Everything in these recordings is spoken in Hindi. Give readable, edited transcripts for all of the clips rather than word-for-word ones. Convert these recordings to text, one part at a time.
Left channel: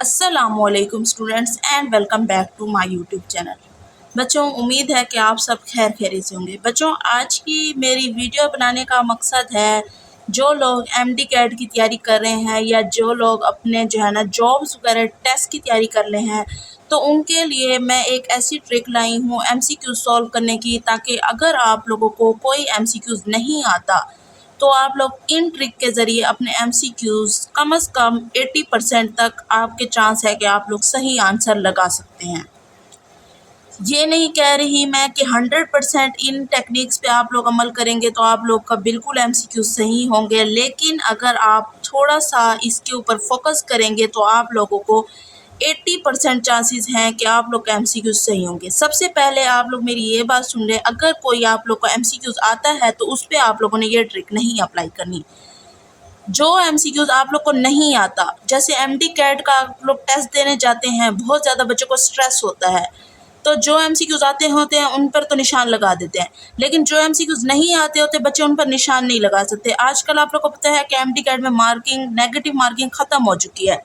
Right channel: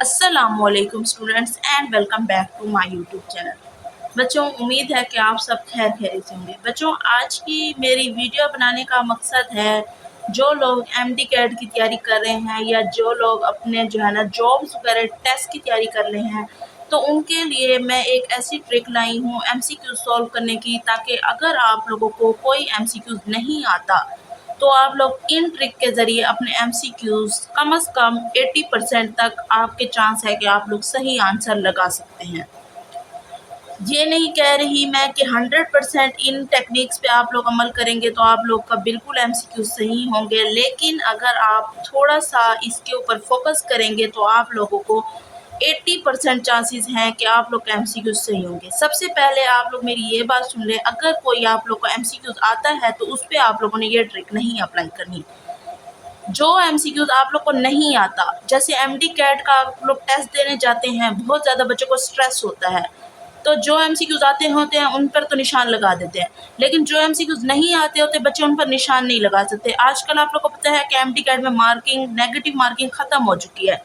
अस्सलामुअलैकुम students and welcome back to my YouTube channel. बच्चों, उम्मीद है कि आप सब खैर खैरियत से होंगे। बच्चों, आज की मेरी वीडियो बनाने का मकसद है जो लोग एमडी कैट की तैयारी कर रहे हैं या जो लोग अपने जो है ना जॉब्स वगैरह टेस्ट की तैयारी कर रहे हैं, तो उनके लिए मैं एक ऐसी ट्रिक लाई हूँ एमसीक्यू सॉल्व करने की, ताकि अगर आप लोगों को कोई एमसीक्यूज़ नहीं आता तो आप लोग इन ट्रिक के ज़रिए अपने एमसीक्यूज़ कम से कम 80% तक आपके चांस है कि आप लोग सही आंसर लगा सकते हैं। ये नहीं कह रही मैं कि 100% इन टेक्निक्स पे आप लोग अमल करेंगे तो आप लोग का बिल्कुल एमसीक्यू सही होंगे, लेकिन अगर आप थोड़ा सा इसके ऊपर फोकस करेंगे तो आप लोगों को 80% चांसेस हैं कि आप लोग का एमसीक्यूज सही होंगे। सबसे पहले आप लोग मेरी ये बात सुन लें, अगर कोई आप लोग को एमसीक्यूज आता है तो उस पर आप लोगों ने ये ट्रिक नहीं अप्लाई करनी। जो एमसीक्यूज आप लोग को नहीं आता, जैसे एमडी कैट का आप लोग टेस्ट देने जाते हैं, बहुत ज़्यादा बच्चों को स्ट्रेस होता है, तो जो एमसीक्यूज आते होते हैं उन पर तो निशान लगा देते हैं, लेकिन जो एमसीक्यूज नहीं आते होते बच्चे उन पर निशान नहीं लगा सकते। आजकल आप लोग को पता है कि एमडी कैट में मार्किंग, नेगेटिव मार्किंग ख़त्म हो चुकी है,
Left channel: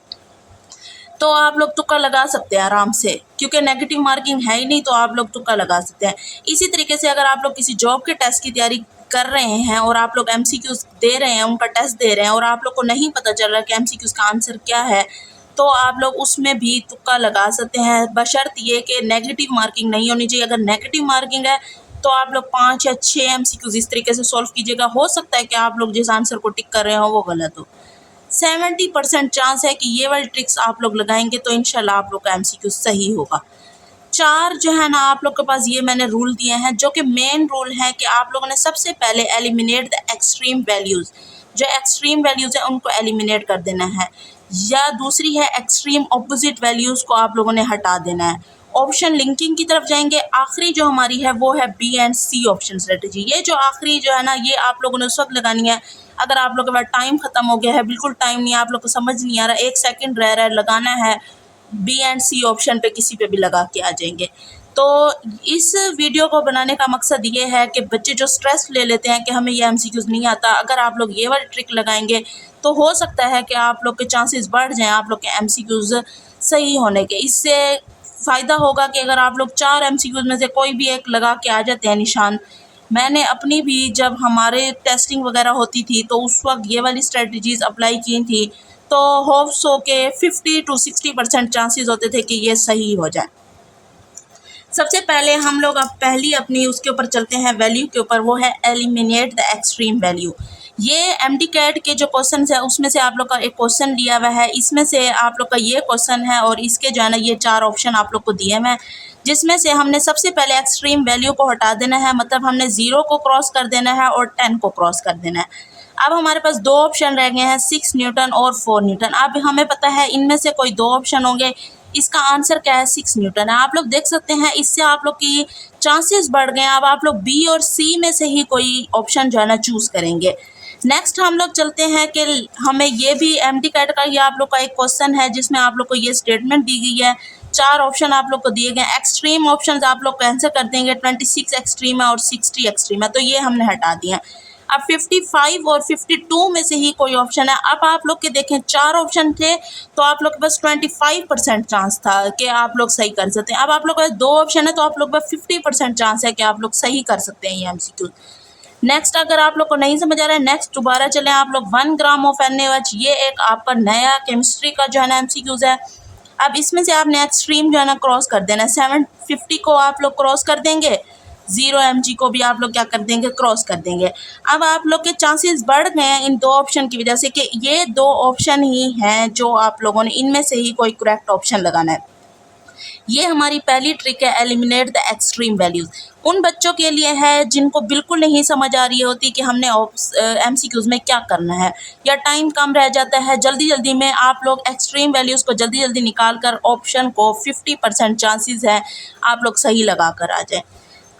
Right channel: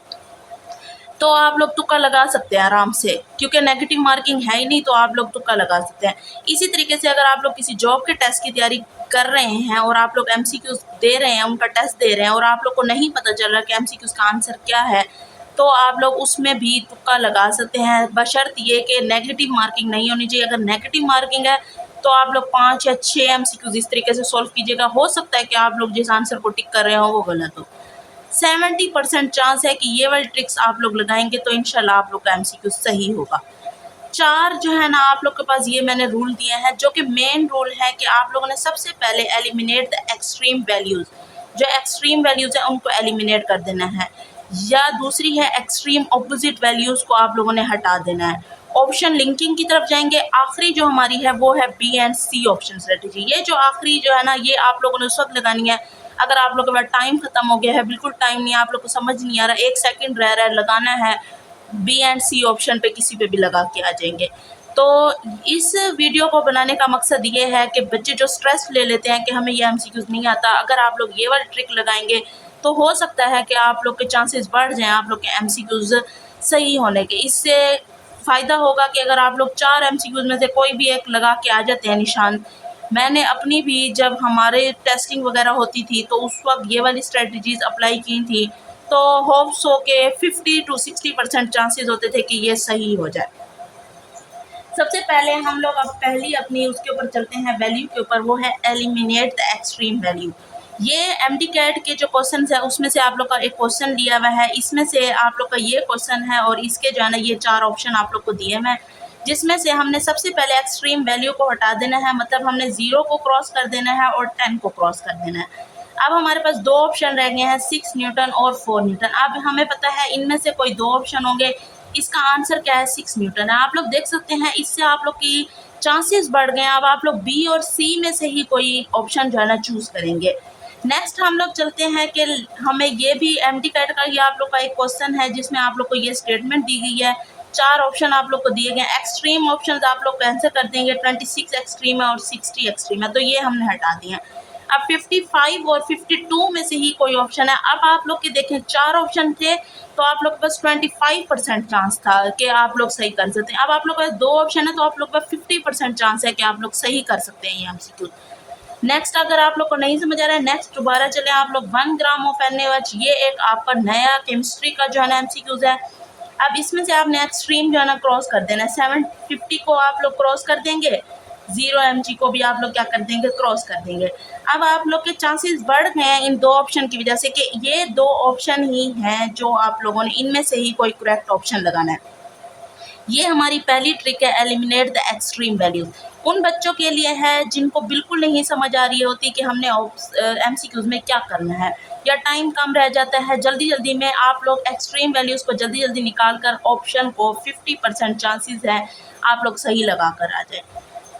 तो आप लोग तुक्का लगा सकते हैं आराम से, क्योंकि नेगेटिव मार्किंग है ही नहीं, तो आप लोग तुक्का लगा सकते हैं। इसी तरीके से अगर आप लोग किसी जॉब के टेस्ट की तैयारी कर रहे हैं और आप लोग एमसीक्यूज दे रहे हैं, उनका टेस्ट दे रहे हैं और आप लोग को नहीं पता चल रहा कि एमसीक्यूज का आंसर क्या है, तो आप लोग उसमें भी तुक्का लगा सकते हैं, बशर्त ये कि नेगेटिव मार्किंग नहीं होनी चाहिए। अगर नेगेटिव मार्किंग है तो आप लोग 5 या 6 एमसीक्यूज इस तरीके से सॉल्व कीजिएगा। हो सकता है कि आप लोग जिस आंसर को टिक कर रहे हो वो गलत हो। 70% चांस है कि ये वाली ट्रिक्स आप लोग लगाएंगे तो इंशाल्लाह आप लोग का एमसीक्यू सही होगा। 4 जो है ना आप लोग के पास ये मैंने रूल दिए हैं, जो कि मेन रूल है कि आप लोगों ने सबसे पहले एलिमिनेट द एक्सट्रीम वैल्यूज़। जो एक्सट्रीम वैल्यूज़ है उनको एलिमिनेट कर देना है, या दूसरी है एक्सट्रीम ऑपोजिट वैल्यूज़ को आप लोगों ने हटा देना है। ऑप्शन लिंकिंग की तरफ जाएंगे। आखिरी जो हमारी है वो है B and C option strategy. ये जो आखिरी जो है ना, ये आप लोगों ने उस वक्त लगानी है अगर आप लोगों के पास टाइम ख़त्म हो गया है, बिल्कुल टाइम नहीं है, आप लोग को समझ नहीं आ रहा, 1 सेकंड रह रहा है, लगाना है, बी एंड सी ऑप्शन पे किसी पे भी लगा के आ जाएंगे। तो इस वीडियो को बनाने का मकसद ये है कि बच्चे जो स्ट्रेस ले लेते हैं कि हमें ये एमसीक्यूज़ नहीं आता, अगर आप लोग ये वाली ट्रिक लगाएंगे तो हो सकता है कि आप लोग के चांसेस बढ़ जाएं आप लोग के एमसीक्यूज़ सही होने के। इससे फ़ायदा होगा कि अगर आप लोग 4 एमसीक्यूज़ में से कोई भी एक लगा के आ जाते हैं निशान। मैंने अपनी भी जब हमारे टेस्टिंग वगैरह होती थी तो उस वक्त ये वाली स्ट्रेटजीज़ अप्लाई की थी, तो होप्स हो के 50 to 60% चांसेस होते थे कि ये सही हो जाए। सबसे पहले हम लोग अब पहली अपनी उसके ऊपर चलते हैं, वैल्यू के ऊपर, वो है एलिमिनेट द एक्सट्रीम वैल्यू। ये एमडी कैट के जो क्वेश्चन है उसमें से आप लोग का एक क्वेश्चन दिया हुआ है, इसमें से आप लोग का ये क्वेश्चन है और इसके जो है ना ये 4 ऑप्शन आप लोग को दिए हुए हैं, जिसमें से हमने सबसे पहले एक्सट्रीम वैल्यू को हटा देना है, मतलब हमने 0 को क्रॉस कर देना है और 10 को क्रॉस कर देना है। अब हमारे पास 2 ऑप्शन रह गए हैं, 6 न्यूटन और 4 न्यूटन। अब हमें पता है इनमें से कोई 2 ऑप्शन होंगे, इसका आंसर क्या है, 6 न्यूटन है। आप लोग देख सकते हैं इससे आप लोग की चांसेस बढ़ गए हैं। अब आप लोग बी और सी में से ही कोई ऑप्शन जो है ना चूज़ करेंगे। नेक्स्ट हम लोग चलते हैं कि हमें ये भी एमडी कैट का ही आप लोग का एक क्वेश्चन है, जिसमें आप लोग को ये स्टेटमेंट दी गई है, 4 ऑप्शन आप लोग को दिए गए। एक्सट्रीम ऑप्शन आप लोग कैंसिल कर देंगे, 26 एक्सट्रीम है और 60 एक्सट्रीम है, तो ये हमने हटा दिए हैं। अब 55 और 52 में से ही कोई ऑप्शन है। अब आप लोग के देखें 4 ऑप्शन थे तो आप लोग के पास 25% चांस था कि आप लोग सही कर सकते हैं। अब आप लोग के पास 2 ऑप्शन है तो आप लोग के पास 50% चांस है कि आप लोग सही कर सकते हैं ये एमसीक्यू। नेक्स्ट, अगर आप लोग को नहीं समझ आ रहा है, नेक्स्ट दोबारा चलें आप लोग। 1 ग्राम ऑफ NaOH, ये एक आपका नया केमिस्ट्री का जो है ना एमसीक्यूज है। अब इसमें से आपने एक्सट्रीम जो है ना क्रॉस कर देना है, 750 को आप लोग क्रॉस कर देंगे, 0 mg को भी आप लोग क्या कर देंगे, क्रॉस कर देंगे। अब आप लोग के चांसेस बढ़ गए हैं इन 2 ऑप्शन की वजह से कि ये 2 ऑप्शन ही हैं जो आप लोगों ने इनमें से ही कोई करेक्ट ऑप्शन लगाना है। ये हमारी पहली ट्रिक है, एलिमिनेट द एक्सट्रीम वैल्यूज़। उन बच्चों के लिए है जिनको बिल्कुल नहीं समझ आ रही होती कि हमने एमसीक्यूज़ में क्या करना है, या टाइम कम रह जाता है, जल्दी जल्दी में आप लोग एक्सट्रीम वैल्यूज़ को जल्दी जल्दी निकाल कर ऑप्शन को 50% चांसेस है आप लोग सही लगा कर आ जाएँ।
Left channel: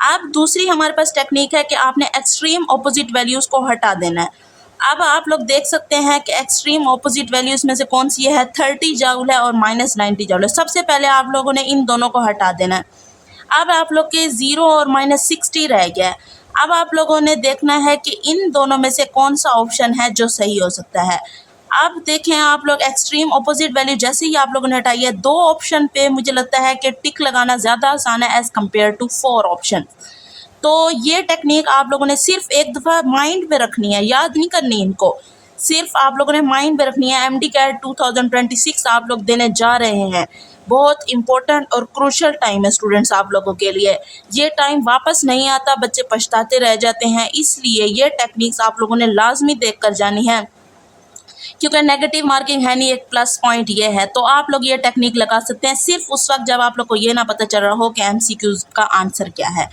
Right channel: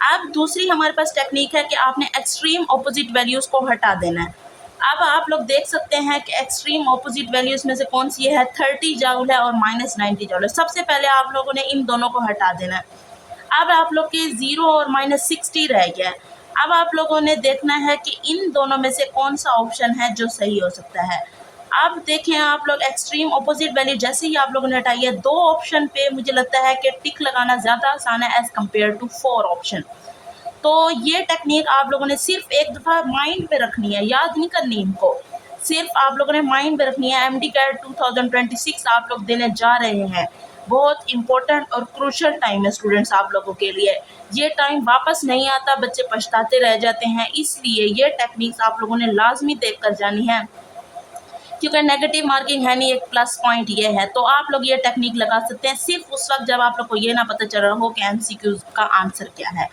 अब दूसरी हमारे पास टेक्निक है कि आपने एक्सट्रीम ऑपोजिट वैल्यूज़ को हटा देना है। अब आप लोग देख सकते हैं कि एक्सट्रीम ऑपोजिट वैल्यूज़ में से कौन सी है, 30 जूल है और -90 जूल है। सबसे पहले आप लोगों ने इन दोनों को हटा देना है। अब आप लोग के 0 और -60 रह गया है। अब आप लोगों ने देखना है कि इन दोनों में से कौन सा ऑप्शन है जो सही हो सकता है। अब देखें आप लोग एक्सट्रीम अपोजिट वैल्यू जैसे ही आप लोगों ने हटाई है, 2 ऑप्शन पे मुझे लगता है कि टिक लगाना ज़्यादा आसान है एज़ कम्पेयर टू 4 ऑप्शन। तो ये टेक्निक आप लोगों ने सिर्फ एक दफ़ा माइंड में रखनी है, याद नहीं करनी इनको, सिर्फ आप लोगों ने माइंड में रखनी है। एमडी कैट 2026 आप लोग देने जा रहे हैं, बहुत इंपॉर्टेंट और क्रूशल टाइम है स्टूडेंट्स आप लोगों के लिए। ये टाइम वापस नहीं आता, बच्चे पछताते रह जाते हैं, इसलिए ये टेक्निक्स आप लोगों ने लाजमी देख कर जानी है, क्योंकि नेगेटिव मार्किंग है नहीं, एक प्लस पॉइंट ये है। तो आप लोग ये टेक्निक लगा सकते हैं सिर्फ उस वक्त जब आप लोग को ये ना पता चल रहा हो कि एमसीक्यूज का आंसर क्या है।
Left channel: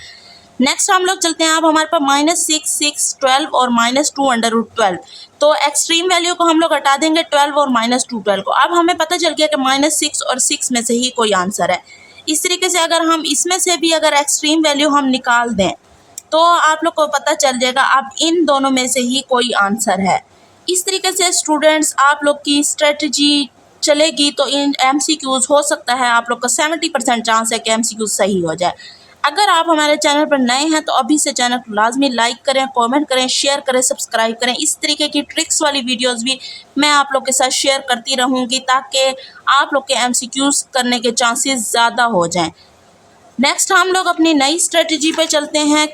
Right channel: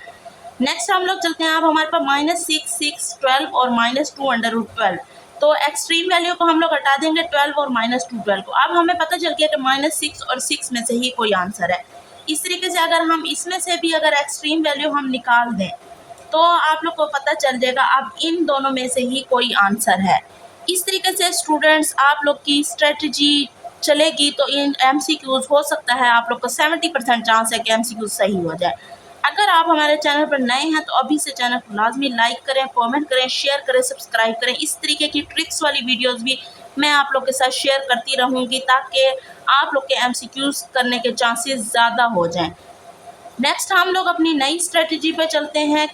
नेक्स्ट हम लोग चलते हैं, अब हमारे पास -6, 6, 12 और -2/√12। तो एक्सट्रीम वैल्यू को हम लोग हटा देंगे 12 और -2/12 को। अब हमें पता चल गया कि -6 और 6 में से ही कोई आंसर है। इस तरीके से अगर हम इसमें से भी अगर एक्सट्रीम वैल्यू हम निकाल दें तो आप लोग को पता चल जाएगा अब इन दोनों में से ही कोई आंसर है। इस तरीके से स्टूडेंट्स आप लोग की स्ट्रेटजी चलेगी तो इन एमसीक्यूज़ हो सकता है आप लोग का 70% चांस है कि एमसीक्यूज़ सही हो जाए। अगर आप हमारे चैनल पर नए हैं तो अभी से चैनल को लाजमी लाइक करें, कमेंट करें, शेयर करें, सब्सक्राइब करें। इस तरीके की ट्रिक्स वाली वीडियोस भी मैं आप लोग के साथ शेयर करती रहूँगी ताकि आप लोग के एमसीक्यूज़ करने के चांसेस ज़्यादा हो जाएं। नेक्स्ट हम लोग अपनी नई स्ट्रेटजी पे चलते हैं।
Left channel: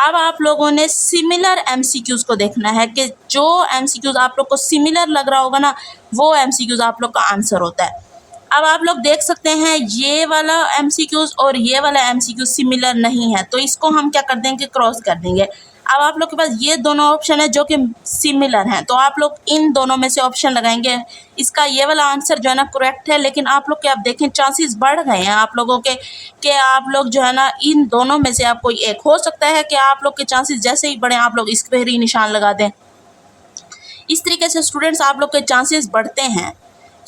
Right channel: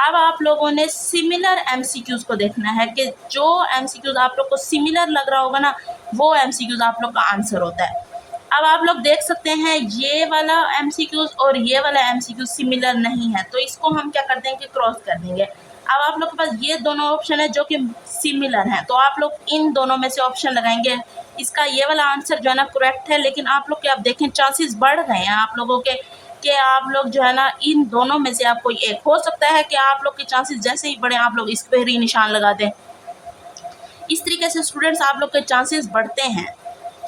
अब आप लोगों ने सिमिलर एमसीक्यूज़ को देखना है कि जो एमसीक्यूज़ आप लोग को सिमिलर लग रहा होगा ना, वो एमसीक्यूज़ आप लोग का आंसर होता है। अब आप लोग देख सकते हैं ये वाला एमसीक्यूज़ और ये वाला एमसीक्यू सिमिलर नहीं है, तो इसको हम क्या कर देंगे, क्रॉस कर देंगे। अब आप लोग के पास ये दोनों ऑप्शन है जो कि सिमिलर हैं, तो आप लोग इन दोनों में से ऑप्शन लगाएंगे। इसका ये वाला आंसर जो है ना करेक्ट है, लेकिन आप लोग के अब देखें चांसेस बढ़ गए हैं आप लोगों के कि आप लोग जो है ना इन दोनों में से आप कोई एक, हो सकता है कि आप लोग के चांसेस जैसे ही बढ़े आप लोग इस पर ही निशान लगा दें। इस तरीके से स्टूडेंट्स आप लोग के चांसेस बढ़ते हैं।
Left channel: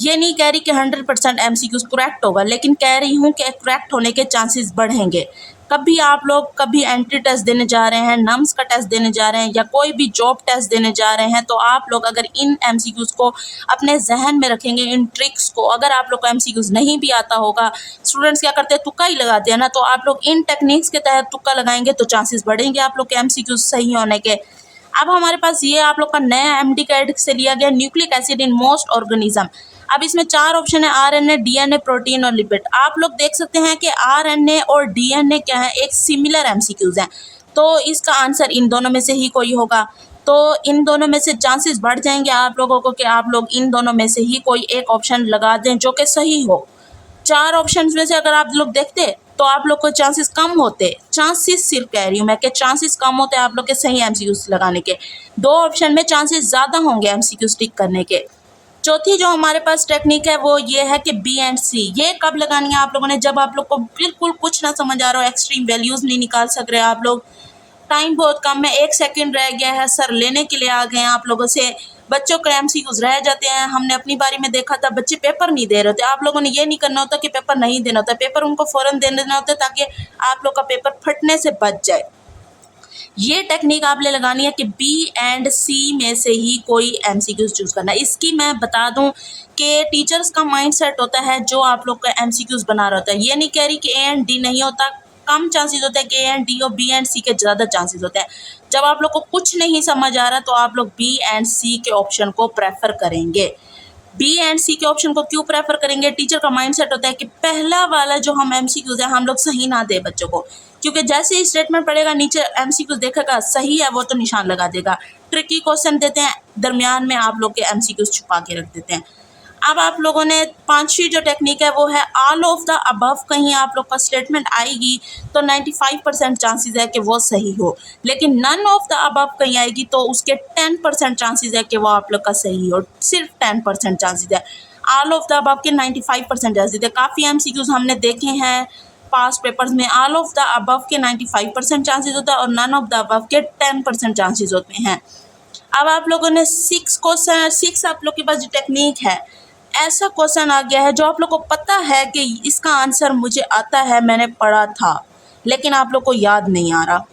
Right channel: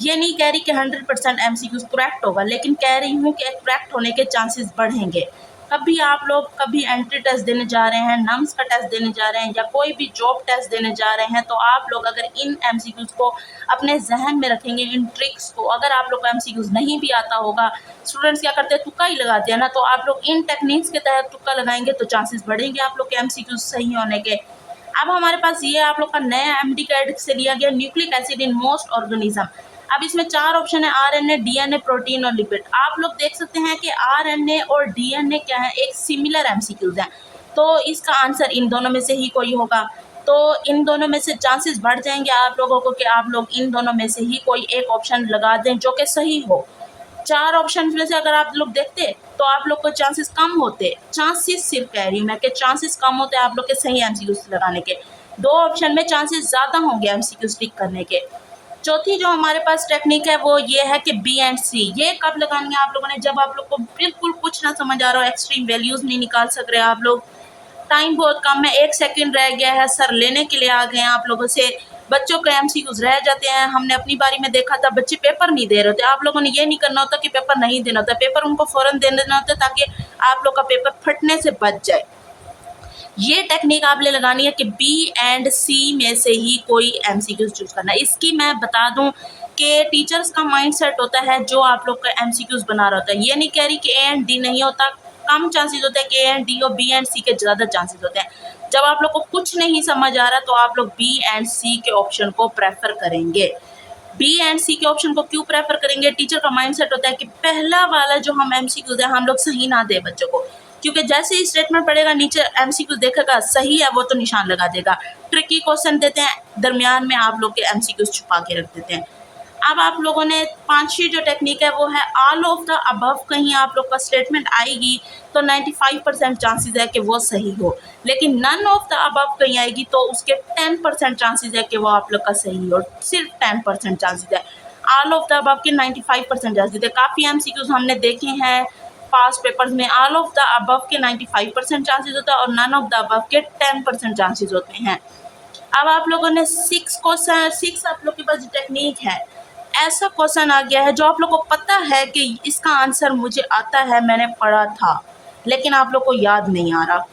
ये नहीं कह रही कि 100% एमसीक्यूज करेक्ट होगा, लेकिन कह रही हूँ कि करेक्ट होने के चांसेस बढ़ेंगे। कभी आप लोग कभी एंट्री टेस्ट देने जा रहे हैं, नम्स का टेस्ट देने जा रहे हैं या कोई भी जॉब टेस्ट देने जा रहे हैं, तो आप लोग अगर इन एमसीक्यूज को अपने जहन में रखेंगे, इन ट्रिक्स को, अगर आप लोग को एमसीक्यूज नहीं भी आता होगा, स्टूडेंट्स क्या करते हैं तुक्का ही लगाते हैं ना, तो आप लोग इन टेक्निक्स के तहत तुक्का लगाएंगे तो चांसेस बढ़ेंगे आप लोग के एमसीक्यूज सही होने के। अब हमारे पास ये आप लोग का नया एमडी कैट से लिया गया nucleic acid in most organism. अब इसमें 4 ऑप्शन है, आरएनए, डीएनए, प्रोटीन और लिपिड। आप लोग देख सकते हैं कि आरएनए और डीएनए क्या है, एक सिमिलर एमसीक्यूज हैं, तो इसका आंसर इन दोनों में से ही कोई होगा। तो इन दोनों में से चांसेस बढ़ जाएंगे आप लोगों को कि आप लोग इन दोनों में से ही कोई एक ऑप्शन लगा दें जो कि सही हो। 4 ऑप्शंस में से अगर आप लोग देखते तो आप लोग को चांसेस कम होते, चांसेस सिर्फ कह रही हूँ मैं कि चांसेस कम होते आप लोग के सही एमसीक्यूज लगाने के। 2 ऑप्शन में चांसेस ज़्यादा होंगे एमसीक्यूज टिक करने के। चौथी जो हमारे पास टेक्निक है वो ये है कि बी एंड सी। ये कब लगानी है आप लोगों ने, जब आप लोग को बिल्कुल कुछ ना समझ आ रहा हो, एक्सट्रीम वैल्यूज़ नहीं निकाल सक रहे आप लोग, टाइम बहुत कम है, 1 सेकंड रह गया है, सर लेने के लिए आ गए हैं आप लोगों से, बच्चों के एमसीक्यूज रह जाते हैं। हमने अपनी बारी में देखा था बच्चे पेपर नहीं दे रहे थे। आप लोगों ने ये नहीं करना होता कि पेपर नहीं देना होता, पेपर उनको फ़ौरन दे देना होता ताकि आप लोग का पेपर फटने से बच जाए। ये टेक्निक आपने लगानी है कि बी एंड सी में से ही कोई एमसीक्यूज चूज़ करना है। इसकी मैं बता दूं कि टीचर्स का माइंडसेट होता है जो आप लोग का एमसीक्यूज बना रहा होता है। ये नहीं कह रही कि ए एंड डी नहीं होता, कम चांसेस होता है कि ए एंड डी और बी एंड सी के ज़्यादा चांसेस होते हैं। जब आप लोग को कुछ नहीं समझ आ रहा तो आप लोग बी एंड सी के ऑप्शन को प्रेफर करेंगे। बी एंड सी के ऑप्शन को क्यों प्रेफर करेंगे, टीचर का माइंडसेट होता है कि पहला वाला जो हम एमसीक्यूज है हम लोग सही ना दे बच्चों को, क्योंकि जैसे ही स्टेटमेंट पढ़ेगा नीचे एमसीक्यूज देखेगा सही है वो तो निशान लगा देगा। ट्रिकी क्वेश्चन देते हैं, दरमियान में आप लोग के एमसीक्यूज छुपा के रख देते हैं। अब आप लोगों ने 5वीं जो टेक्निक है वो है ऑल ऑफ द अबव। कहीं आप लोग का स्टेटमेंट आएगी तो 95% चांसेस है कि वो सही हो, लेकिन नन ऑफ द अबव कहीं आएगी तो उसके 10% चांसेस है कि वो आप लोग का सही हो, सिर्फ 10% चांसेस है। ऑल ऑफ द अबव के 95% चांसेस है। काफ़ी एमसीक्यूज हमने देखे हैं पास पेपर्स में, ऑल ऑफ द अबव के 95% चांसेस होता है और नन ऑफ द अबव के 10% चांसेस होते हैं। अब आप लोगों ने 6 आप लोग के पास जो टेक्निक है, ऐसा क्वेश्चन आ गया है जो आप लोग को पता है कि इसका आंसर मुझे आता है, मैंने पढ़ा था, लेकिन आप लोग को याद नहीं आ रहा,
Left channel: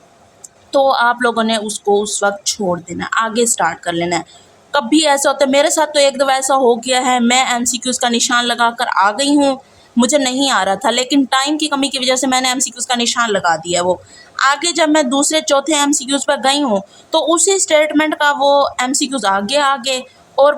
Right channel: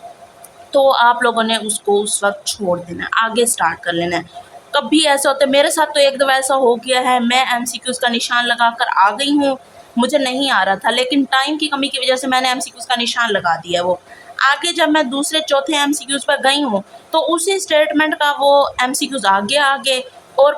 तो आप लोगों ने उसको उस वक्त छोड़ देना, आगे स्टार्ट कर लेना है। कभी ऐसा होता है, मेरे साथ तो एक दफ़ा ऐसा हो गया है, मैं एमसीक्यूज़ का निशान लगा कर आ गई हूँ, मुझे नहीं आ रहा था, लेकिन टाइम की कमी की वजह से मैंने एमसीक्यूज़ का निशान लगा दिया। वो आगे जब मैं दूसरे चौथे एमसीक्यूज़ पर गई हूँ तो उसी स्टेटमेंट का वो एमसीक्यूज़ आगे और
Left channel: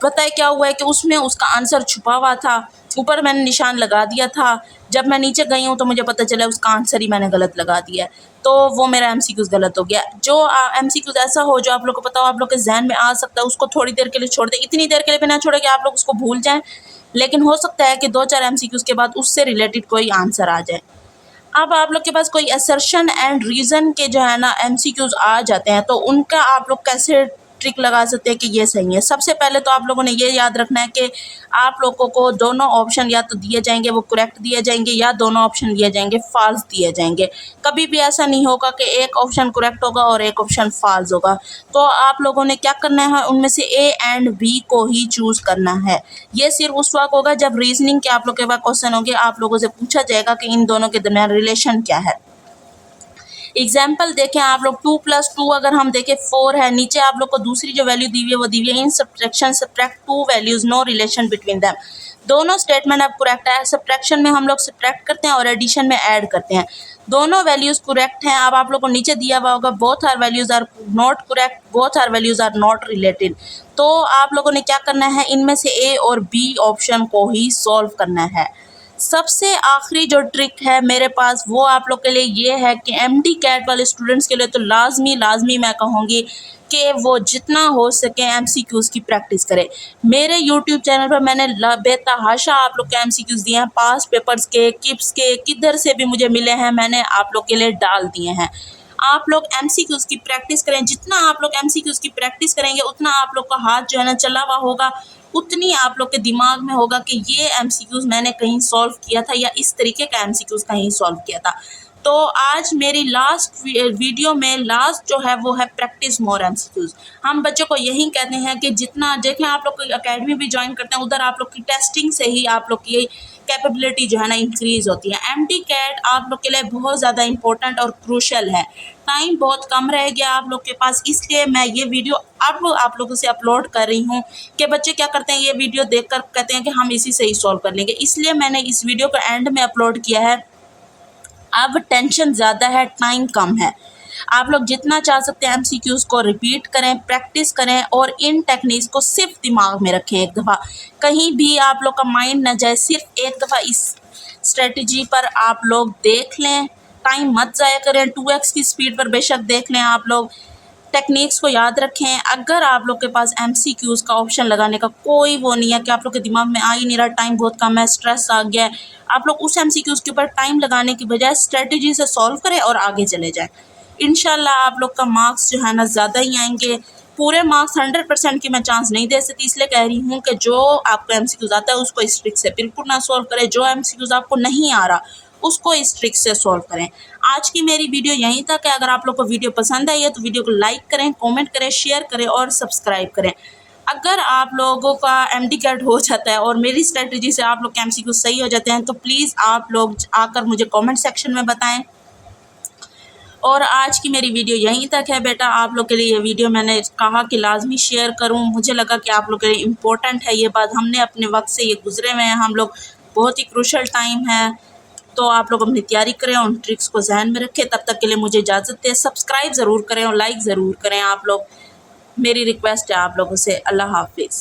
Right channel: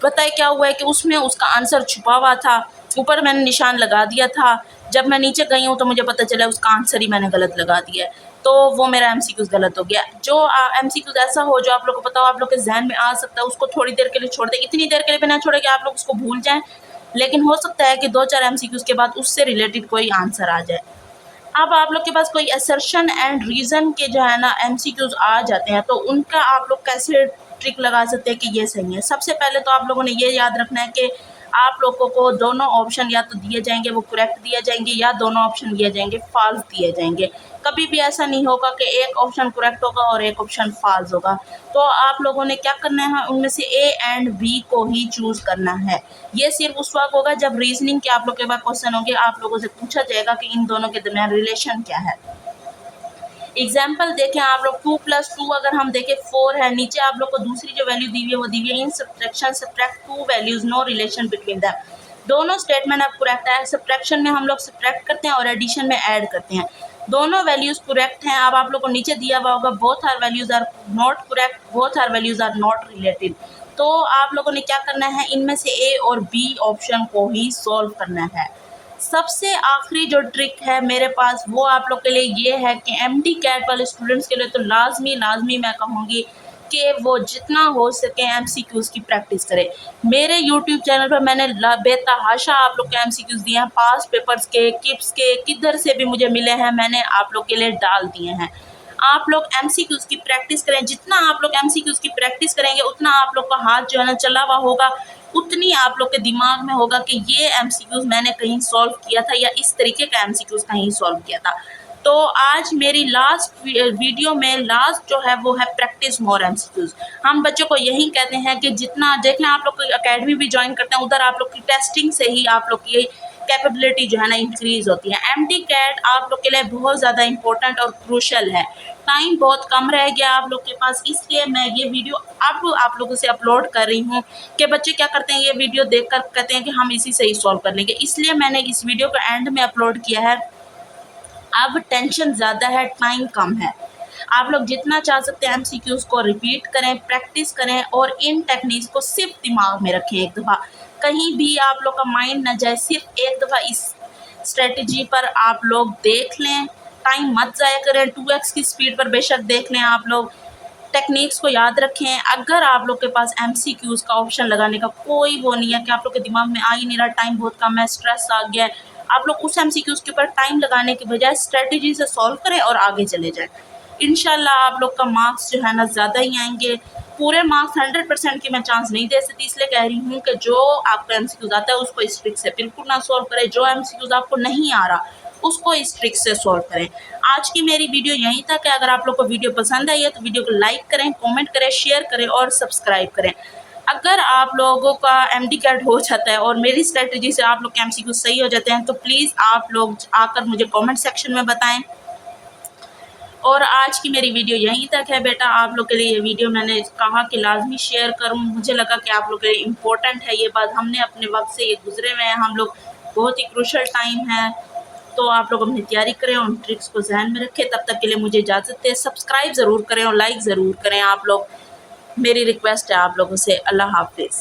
पता है क्या हुआ है कि उसमें उसका आंसर छुपा हुआ था, ऊपर मैंने निशान लगा दिया था, जब मैं नीचे गई हूँ तो मुझे पता चला उसका आंसर ही मैंने गलत लगा दिया है, तो वो मेरा एमसीक्यूज़ गलत हो गया। जो एमसीक्यूज़ ऐसा हो जो आप लोग को पता हो, आप लोग के जहन में आ सकता है, उसको थोड़ी देर के लिए छोड़ दें, इतनी देर के लिए भी ना छोड़े कि आप लोग उसको भूल जाएं, लेकिन हो सकता है कि 2-4 एमसीक्यूज़ के बाद उससे रिलेटेड कोई आंसर आ जाए। अब आप लोग के पास कोई असर्शन एंड रीज़न के जो है ना एमसीक्यूज़ आ जाते हैं, तो उनका आप लोग कैसे ट्रिक लगा सकते हैं कि ये सही है। सबसे पहले तो आप लोगों ने ये याद रखना है कि आप लोगों को दोनों ऑप्शन या तो दिए जाएंगे वो करेक्ट दिए जाएंगे, या दोनों ऑप्शन दिए जाएंगे फॉल्स दिए जाएंगे। कभी भी ऐसा नहीं होगा कि एक ऑप्शन करेक्ट होगा और एक ऑप्शन फॉल्स होगा। तो आप लोगों ने क्या करना है, उनमें से ए एंड बी को ही चूज़ करना है। ये सिर्फ उस वक्त होगा जब रीजनिंग के आप लोग के पास क्वेश्चन होंगे, आप लोगों से पूछा जाएगा कि इन दोनों के दरमियान रिलेशन क्या है। एग्जाम्पल देखें आप लोग, 2+2 अगर हम देखें 4 है, नीचे आप लोग को दूसरी जो वैल्यू दी हुई है वो दी हुई है in subtraction subtract 2 values, no relation between them. दोनों स्टेटमेंट अब करेक्ट है। सब्ट्रैक्शन में हम लोग सब्ट्रैक्ट करते हैं और एडिशन में ऐड करते हैं, दोनों वैल्यूज़ करेक्ट हैं। अब आप लोग को नीचे दिया हुआ होगा both are values are not correct, both are values are not related. तो आप लोगों ने क्या करना है, इनमें से ए और बी ऑप्शन को ही सॉल्व करना है। सबसे आखिरी जो ट्रिक है मेरे पास वो आप लोग के लिए ये है कि एमडी कैट वाले स्टूडेंट्स के लिए तो लाजमी मैं कहूँगी कि वो जितना हो सके एमसीक्यूज़ की प्रैक्टिस करें। मेरे यूट्यूब चैनल पर मैंने बेतहाशा आप लोग के एमसीक्यूज़ दिए हैं, पास पेपर्स के, किप्स के, किधर से भी मुझे मिले हैं, मैंने आप लोग के लिए डाल दिए हैं। आप लोग एमसीक्यूज़ की प्रैक्टिस करें, जितना आप लोग एमसीक्यूज़ की प्रैक्टिस करेंगे उतना आप लोग का हाथ जो है ना चला हुआ होगा, उतनी आप लोग के दिमाग में होगा कि ये एमसीक्यूज़ मैंने कहीं सॉल्व किया था या इस तरीके का एमसीक्यूज़ कहीं सॉल्व किया था। तो आज मेरी लास्ट वीडियो में लास्ट जो है वो है प्रैक्टिस मोर एमसीक्यूज़। हम बच्चों को यही कहते हैं कि जितना देखें, आप लोग अकेडमी भी ज्वाइन करते हैं, उधर आप लोग की टेस्टिंग से ही आप लोग की कैपेबिलिटी जो है ना इंक्रीज़ होती है। एमडी कैट आप लोग के लिए बहुत ज़्यादा इंपॉर्टेंट और क्रूशल है। टाइम बहुत कम रह गया आप लोग के पास, इसलिए मैं ये वीडियो अब आप लोगों से अपलोड कर रही हूँ कि बच्चे क्या करते हैं, ये वीडियो देखकर कहते हैं कि हम इसी से ही सॉल्व कर लेंगे, इसलिए मैंने इस वीडियो को एंड में अपलोड किया है। अब टेंशन ज़्यादा है, टाइम कम है। आप लोग जितना चाह सकते हैं एमसीक्यूज़ को रिपीट करें, प्रैक्टिस करें और इन टेक्निक्स को सिर्फ दिमाग में रखें। एक दफ़ा कहीं भी आप लोग का माइंड न जाए, सिर्फ एक दफ़ा इस स्ट्रेटजी पर आप लोग देख लें, टाइम मत ज़ाया करें। 2x की स्पीड पर बेशक देख लें, आप लोग टेक्निक्स को याद रखें। अगर आप लोग के पास एमसीक्यूज़ का ऑप्शन लगाने का कोई वो नहीं है कि आप लोग के दिमाग में आ ही नहीं रहा, टाइम बहुत कम है, स्ट्रेस आ गया है, आप लोग उस एमसीक्यूज़ के ऊपर टाइम लगाने की बजाय स्ट्रेटजी से सॉल्व करें और आगे चले जाएं। इंशाल्लाह आप लोग का मार्क्स जो है ना ज़्यादा ही आएंगे। पूरे मार्क्स 100% की मैं चांस नहीं दे सकती, इसलिए कह रही हूँ कि जो आपको एमसीक्यूज़ आता है उसको इस ट्रिक से बिल्कुल ना सॉल्व करें, जो एमसीक्यूज़ आपको नहीं आ रहा उसको इस ट्रिक से सॉल्व करें। आज की मेरी वीडियो यहीं तक है। अगर आप लोग को वीडियो पसंद आई है तो वीडियो को लाइक करें, कमेंट करें, शेयर करें और सब्सक्राइब करें। अगर आप लोगों का एमडी कैट हो जाता है और मेरी स्ट्रेटजी से आप लोग के एमसीक्यू सही हो जाते हैं तो प्लीज़ आप लोग आकर मुझे कमेंट सेक्शन में बताएं। और आज की मेरी वीडियो यहीं तक है बेटा। आप लोग के लिए ये वीडियो मैंने कहा कि लाजमी शेयर करूं, मुझे लगा कि आप लोग के लिए इम्पोर्टेंट है ये बात। हमने अपने वक्त से ये गुजरे हुए हैं हम लोग, बहुत ही क्रूशल टाइम है, तो आप लोग अपनी तैयारी करें, उन ट्रिक्स को जहन में रखें। तब तक के लिए मुझे इजाज़त दें। सब्सक्राइब ज़रूर करें और लाइक ज़रूर करें आप लोग, मेरी रिक्वेस्ट है आप लोगों से। अल्लाह हाफिज़।